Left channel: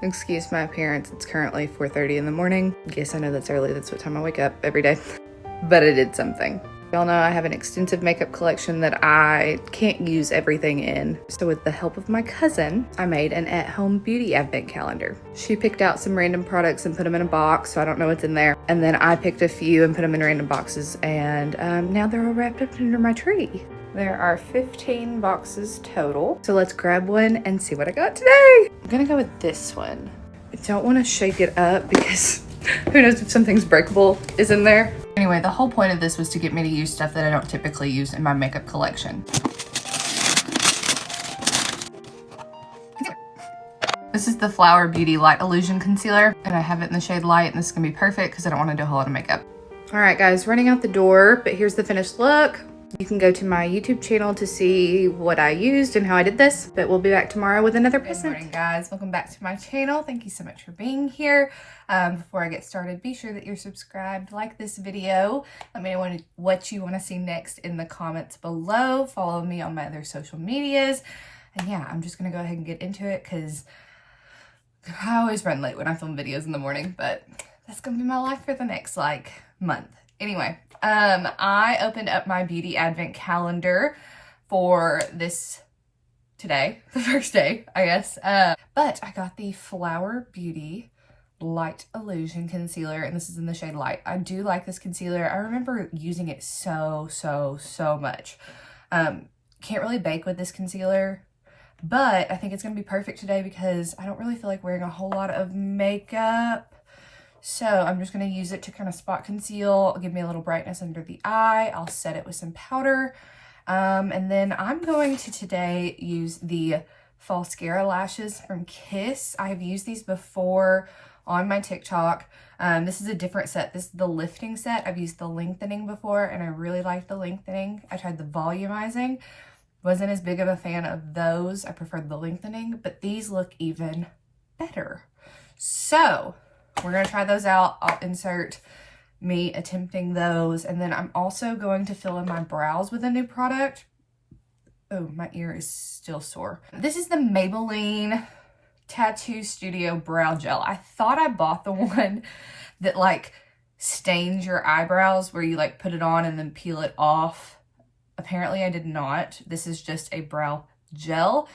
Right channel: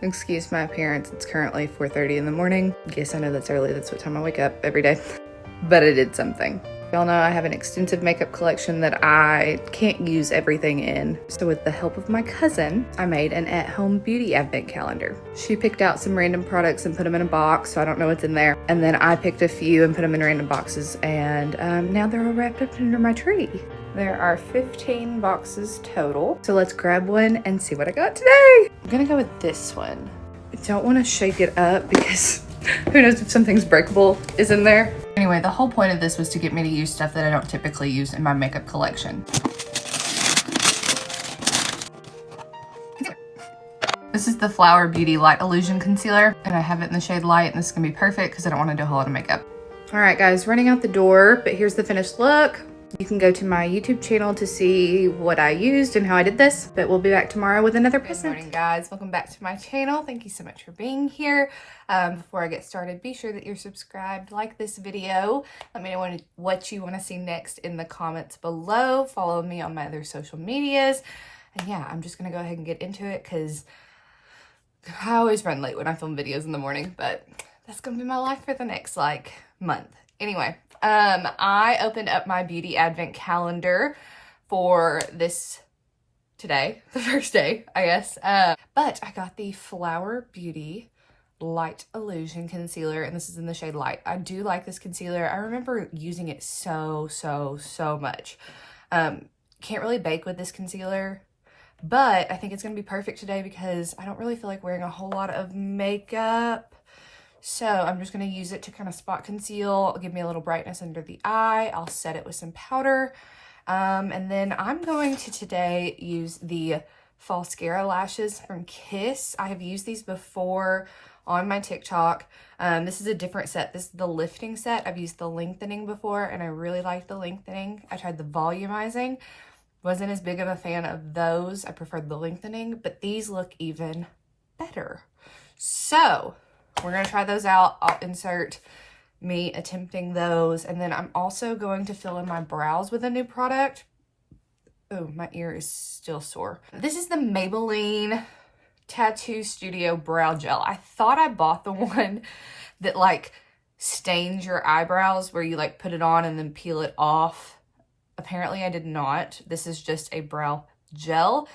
Excuse my appearance. It's currently 4:30 in the morning. Yes, I know that's early. That's what time I wake up every day. But I did something. Y'all know I have an extensive makeup collection that I can't use everything in. So with the help of my cousin, I made an at-home beauty advent calendar. She picked out some random products and put them in a box, so I don't know what's in there. And then I picked a few and put them in random boxes. And now they're all wrapped up under my tree. There are 15 boxes total. So let's grab one and see what I got today. I'm gonna go with this one. I don't wanna shake it up because who knows if something's breakable is in there. Anyway, the whole point of this was to get me to use stuff that I don't typically use in my makeup collection. This is the Flower Beauty Light Illusion Concealer, and I have it in the shade Light, and this is gonna be perfect because I don't wanna do a whole lot of makeup. All right, guys, running out the door, but here's the finished look. You can go to my YouTube channel to see what I used and how I did this, but we'll be back tomorrow with another present. Good morning, guys. Welcome back to my channel. Thank you so much for being here. Before I get started, be sure that you're subscribed, like this video. Let me know what you want to see next in the comments below. Follow me on my other social medias. And yeah, I'm just going to go ahead and get into it because I always run late when I film videos in the morning, but that's going to be my life for the next month. Anyway. I opened up my beauty advent calendar for this today, the first day, I guess. But I got the Flower Beauty Light Illusion Concealer, and this is in the shade Light. I do like this concealer. I remember using it so much. Can't really bake with this concealer, but I think it's going to be perfect today because I don't really feel like wearing a whole lot of makeup. So I'm just going to use it to kind of spot conceal, give me a little brightness under the eye. I'll set it with some powder. And then I'm going to today use the Falscara lashes from Kiss. I have used these before on my TikTok. This is a different set. This is the lifting set. I've used the lengthening before and I really liked the lengthening. I tried the volumizing. Wasn't as big of a fan of those. I preferred the lengthening, but these look even better. So we're going to try those out. I'll insert me attempting those. And then I'm also going to fill in my brows with a new product. Oh, my ear is still sore. This is the Maybelline Tattoo Studio Brow Gel. I thought I bought the one that like stains your eyebrows where you like put it on and then peel it off. Apparently I did not. This is just a brow gel.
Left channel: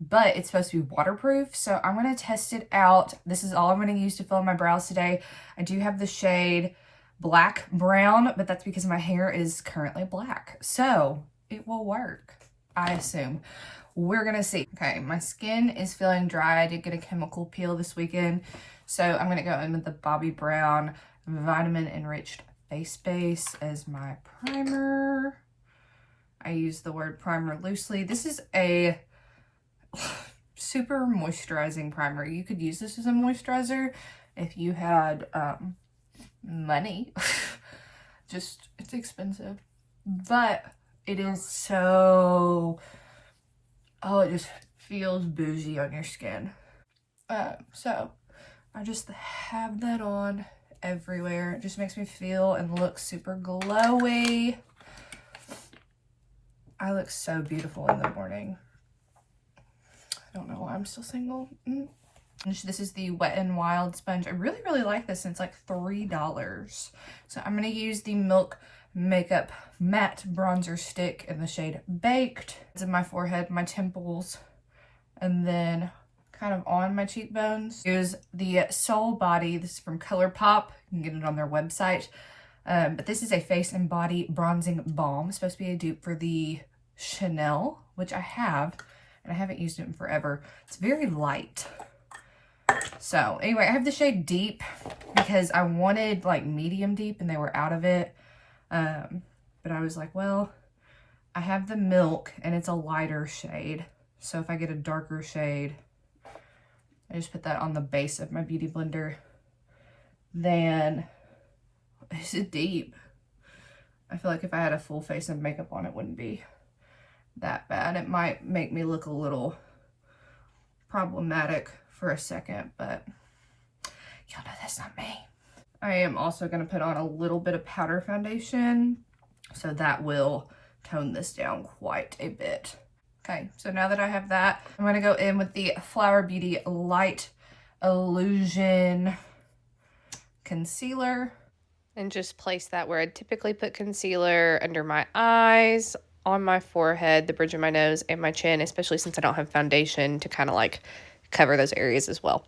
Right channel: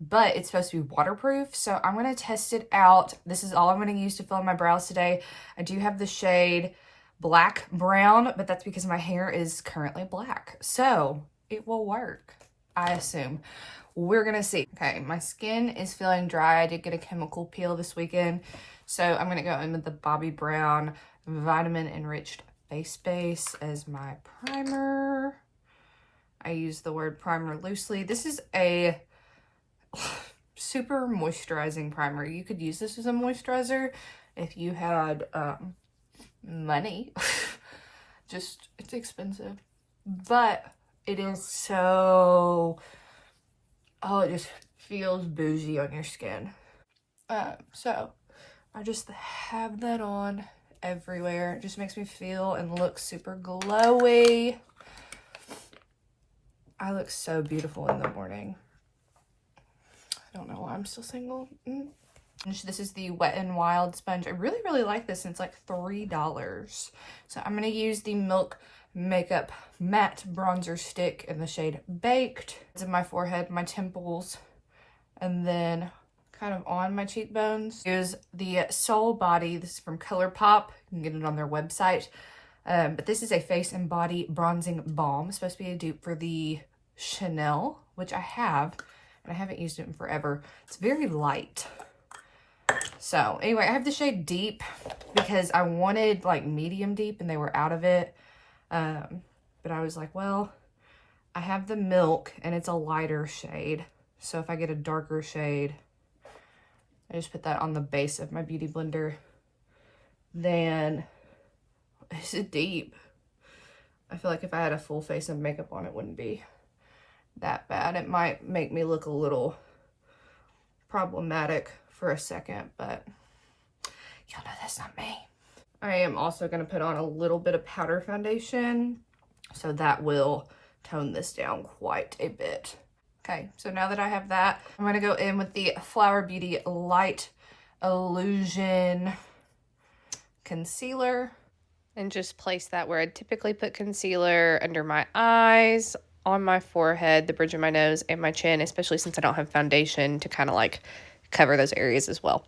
But it's supposed to be waterproof, so I'm going to test it out. This is all I'm going to use to fill in my brows today. I do have the shade Black Brown, but that's because my hair is currently black. So it will work, I assume. We're going to see. Okay, my skin is feeling dry. I did get a chemical peel this weekend, so I'm going to go in with the Bobbi Brown Vitamin Enriched Face Base as my primer. I use the word primer loosely. This is a super moisturizing primer. You could use this as a moisturizer if you had money. Just, it's expensive, but it is so, oh, it just feels bougie on your skin. So I just have that on everywhere. It just makes me feel and look super glowy. I look so beautiful in the morning. I don't know why I'm still single. This is the Wet n Wild sponge. I really like this, and it's like $3. So I'm going to use the Milk Makeup Matte Bronzer Stick in the shade Baked. It's in my forehead, my temples, and then kind of on my cheekbones. Here's the Soul Body. This is from ColourPop. You can get it on their website. But this is a face and body bronzing balm. It's supposed to be a dupe for the Chanel, which I have. And I haven't used it in forever. It's very light. So anyway, I have the shade Deep because I wanted like medium deep and they were out of it. But I was like, well, I have the Milk and it's a lighter shade. So if I get a darker shade, I just put that on the base of my beauty blender. Then it's Deep. I feel like if I had a full face of makeup on, it wouldn't be that bad. It might make me look a little problematic for a second, but y'all know that's not me. I am also going to put on a little bit of powder foundation, so that will tone this down quite a bit. Okay, so now that I have that, I'm gonna go in with the Flower Beauty Light Illusion Concealer. And just place that where I typically put concealer, under my eyes, on my forehead, the bridge of my nose, and my chin, especially since I don't have foundation to kind of like cover those areas as well.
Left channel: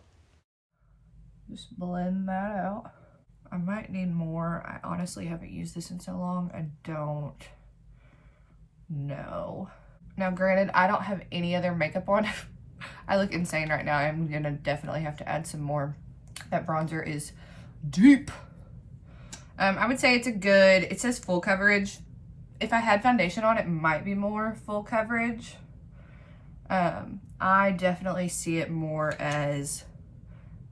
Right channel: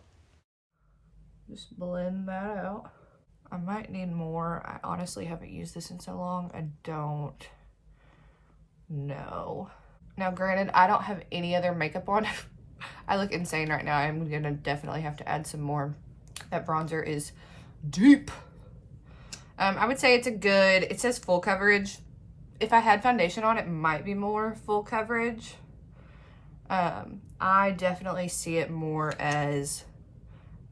Just blend that out. I might need more. I honestly haven't used this in so long. I don't know. Now, granted, I don't have any other makeup on. I look insane right now. I'm gonna definitely have to add some more. That bronzer is deep. I would say it's a good, it says full coverage. If I had foundation on, it might be more full coverage. I definitely see it more as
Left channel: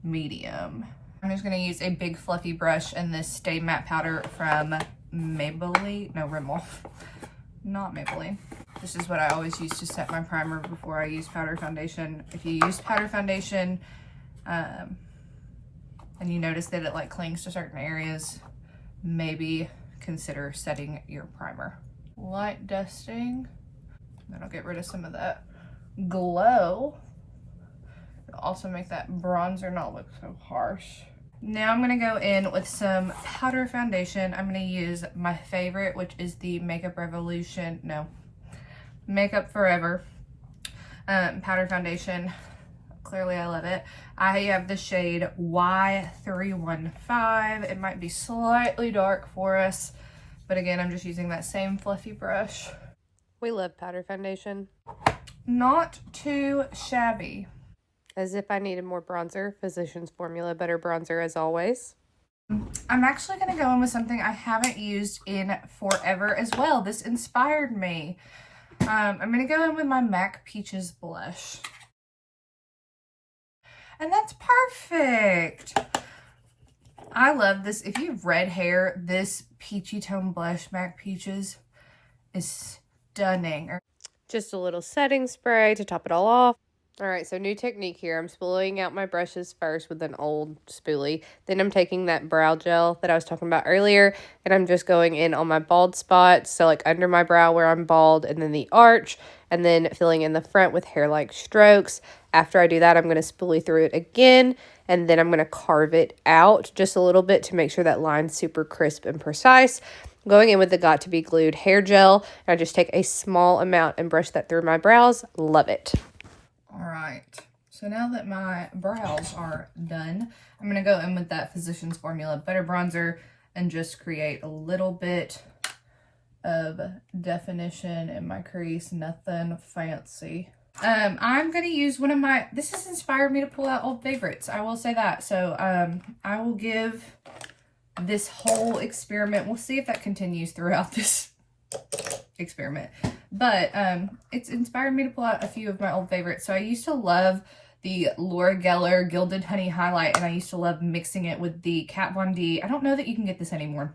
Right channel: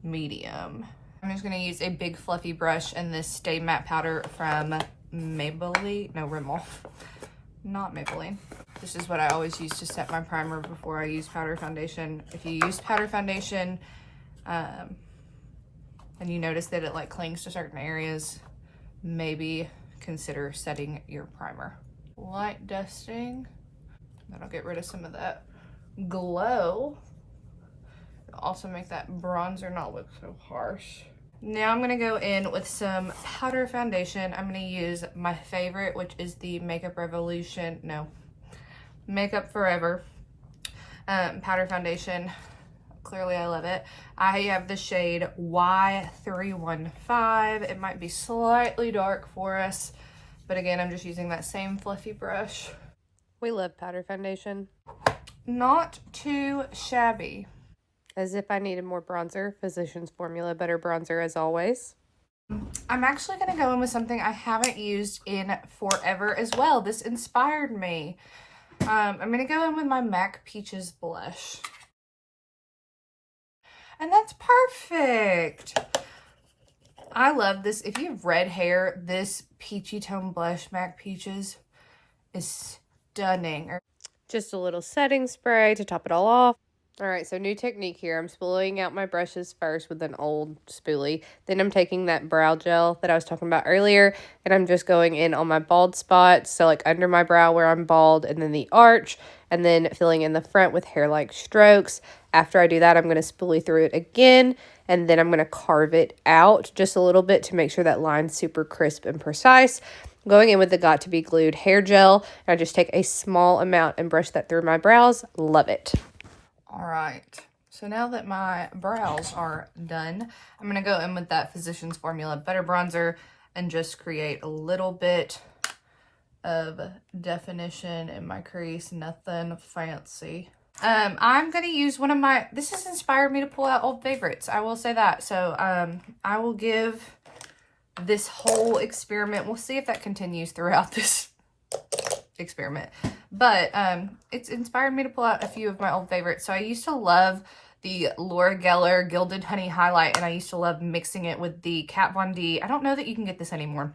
medium. I'm just gonna use a big fluffy brush and this Stay Matte powder from Maybelline, no, Rimmel, not Maybelline. This is what I always use to set my primer before I use powder foundation. If you use powder foundation, and you notice that it like clings to certain areas, maybe consider setting your primer. Light dusting, that'll get rid of some of that glow. It'll also make that bronzer not look so harsh. Now I'm gonna go in with some powder foundation. I'm gonna use my favorite, which is the Makeup Forever powder foundation. Clearly I love it. I have the shade Y315. It might be slightly dark for us, but again, I'm just using that same fluffy brush. We love powder foundation. Not too shabby. As if I needed more bronzer, Physicians Formula Butter Bronzer as always. I'm actually gonna go in with something I haven't used in forever as well. This inspired me. I'm gonna go in with my MAC Peaches blush. And that's perfect. I love this. If you have red hair, this peachy tone blush, MAC Peaches, is stunning. Just a little setting spray to top it all off. All right, so new technique here. I'm spooling out my brushes first with an old spoolie. Then I'm taking that brow gel that I was talking about earlier, and I'm just going in on my bald spots, so like under my brow where I'm bald, and then the arch, and then filling in the front with hair-like strokes. After I do that, I'm going to spoolie through it again, and then I'm going to carve it out just a little bit to make sure that line's super crisp and precise. Going in with the Got To Be Glued hair gel, and I just take a small amount and brush that through my brows. Love it. All right, so now that my brows are done, I'm gonna go in with that Physicians Formula Butter Bronzer and just create a little bit of definition in my crease, nothing fancy. I'm gonna use one of my, this has inspired me to pull out old favorites, I will say that. So I will give this whole experiment, we'll see if that continues throughout this experiment. But it's inspired me to pull out a few of my old favorites. So I used to love the Laura Geller Gilded Honey Highlight, and I used to love mixing it with the Kat Von D. I don't know that you can get this anymore.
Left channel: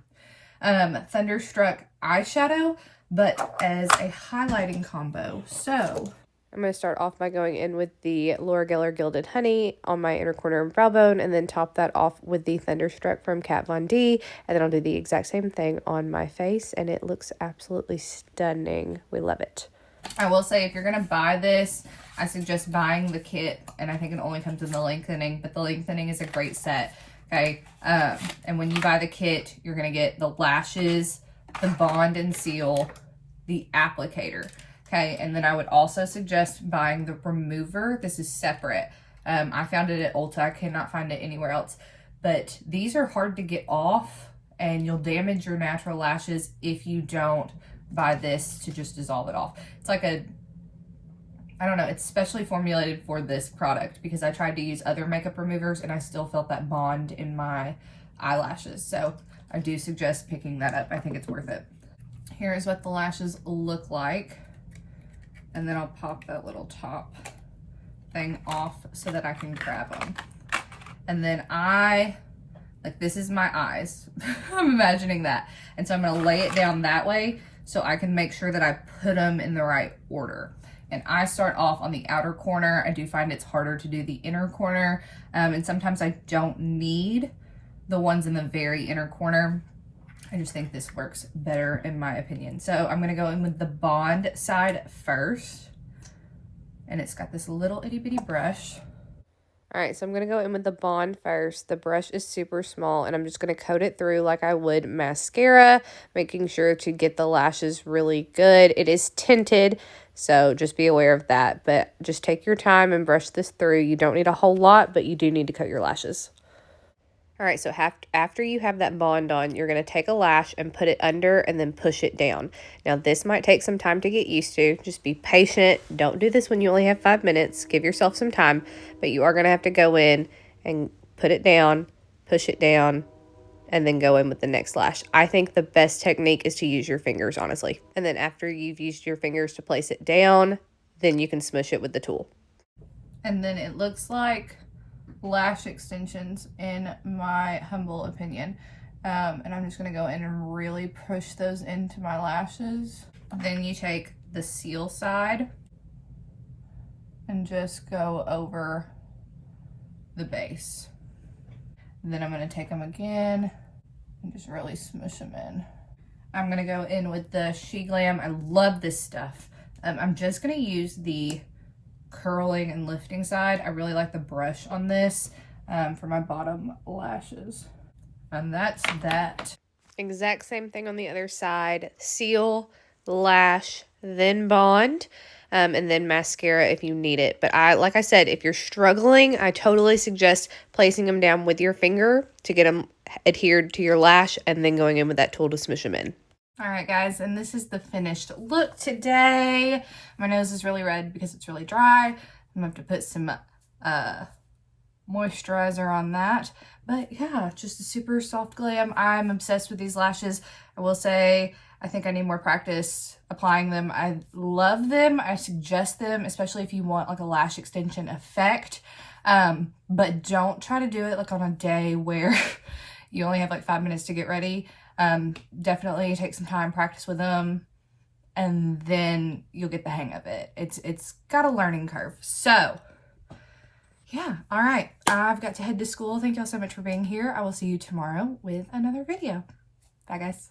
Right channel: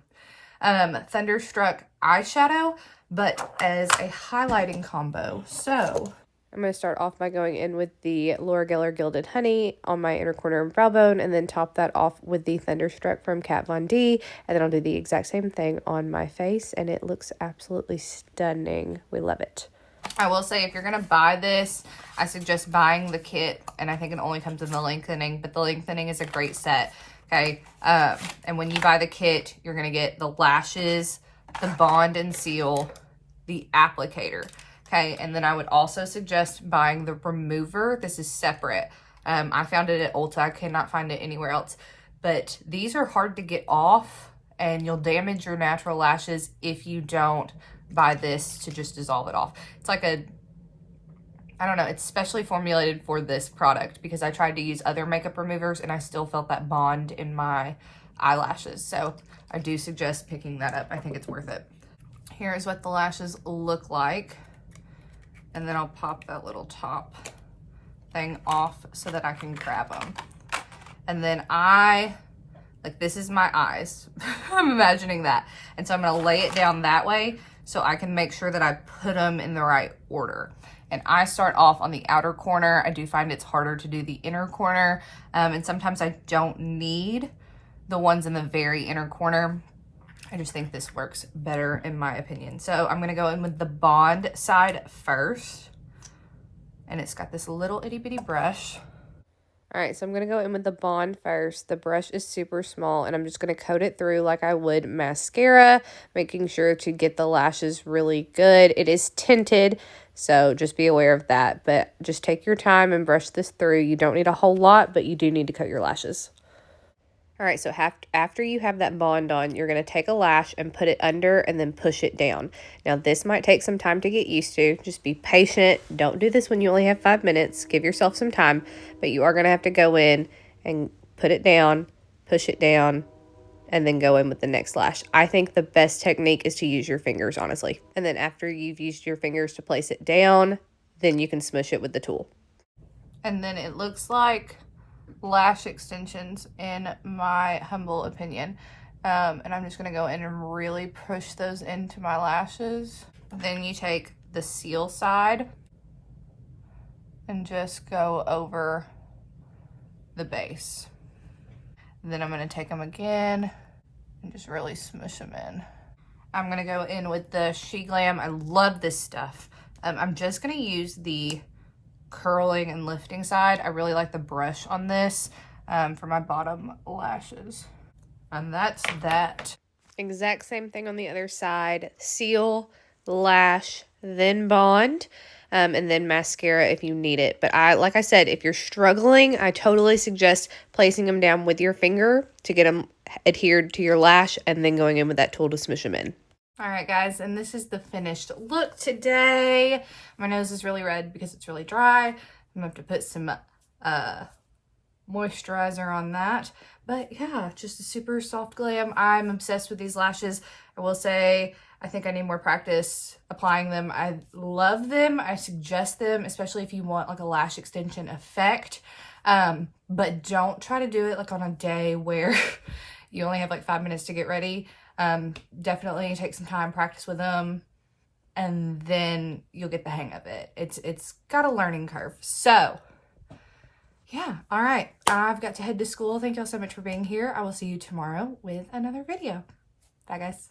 Thunderstruck eyeshadow, but as a highlighting combo. So I'm going to start off by going in with the Laura Geller Gilded Honey on my inner corner and brow bone, and then top that off with the Thunderstruck from Kat Von D, and then I'll do the exact same thing on my face, and it looks absolutely stunning. We love it. I will say, if you're going to buy this, I suggest buying the kit, and I think it only comes in the lengthening, but the lengthening is a great set, okay? And when you buy the kit, you're going to get the lashes, the bond and seal, the applicator. Okay, and then I would also suggest buying the remover. This is separate. I found it at Ulta. I cannot find it anywhere else. But these are hard to get off, and you'll damage your natural lashes if you don't buy this to just dissolve it off. It's like a, I don't know, it's specially formulated for this product because I tried to use other makeup removers and I still felt that bond in my eyelashes. So I do suggest picking that up. I think it's worth it. Here is what the lashes look like. And then I'll pop that little top thing off so that I can grab them. And then this is my eyes. I'm imagining that. And so I'm gonna lay it down that way so I can make sure that I put them in the right order. And I start off on the outer corner. I do find it's harder to do the inner corner. And sometimes I don't need the ones in the very inner corner. I just think this works better in my opinion. So I'm gonna go in with the bond side first. and it's got this little itty bitty brush. All right, so I'm going to go in with the Bond first. The brush is super small, and I'm just going to coat it through like I would mascara, making sure to get the lashes really good. It is tinted, so just be aware of that. But just take your time and brush this through. You don't need a whole lot, but you do need to coat your lashes. All right, so after you have that Bond on, you're going to take a lash and put it under and then push it down. Now, this might take some time to get used to. Just be patient. Don't do this when you only have 5 minutes. Give yourself some time, but you are going to have to go in and put it down, push it down, and then go in with the next lash. I think the best technique is to use your fingers, honestly. And then after you've used your fingers to place it down, then you can smush it with the tool. And then it looks like lash extensions in my humble opinion, and I'm just gonna go in and really push those into my lashes. Then you take the seal side and just go over the base. And then I'm gonna take them again and just really smush them in. I'm gonna go in with the She Glam. I love this stuff. I'm just gonna use the curling and lifting side. I really like the brush on this for my bottom lashes. And that's that. Exact same thing on the other side. Seal, lash, then Bond, and then mascara if you need it. But like I said, if you're struggling, I totally suggest placing them down with your finger to get them adhered to your lash and then going in with that tool to smush them in. All right, guys, and this is the finished look today. My nose is really red because it's really dry. I'm gonna have to put some moisturizer on that. But yeah, just a super soft glam. I'm obsessed with these lashes. I will say, I think I need more practice applying them. I love them. I suggest them, especially if you want like a lash extension effect. But don't try to do it like on a day where you only have like 5 minutes to get ready. Definitely take some time, practice with them, and then you'll get the hang of it. It's got a learning curve. So yeah, all right, I've got to head to school. Thank y'all so much for being here. I will see you tomorrow with another video. Bye, guys.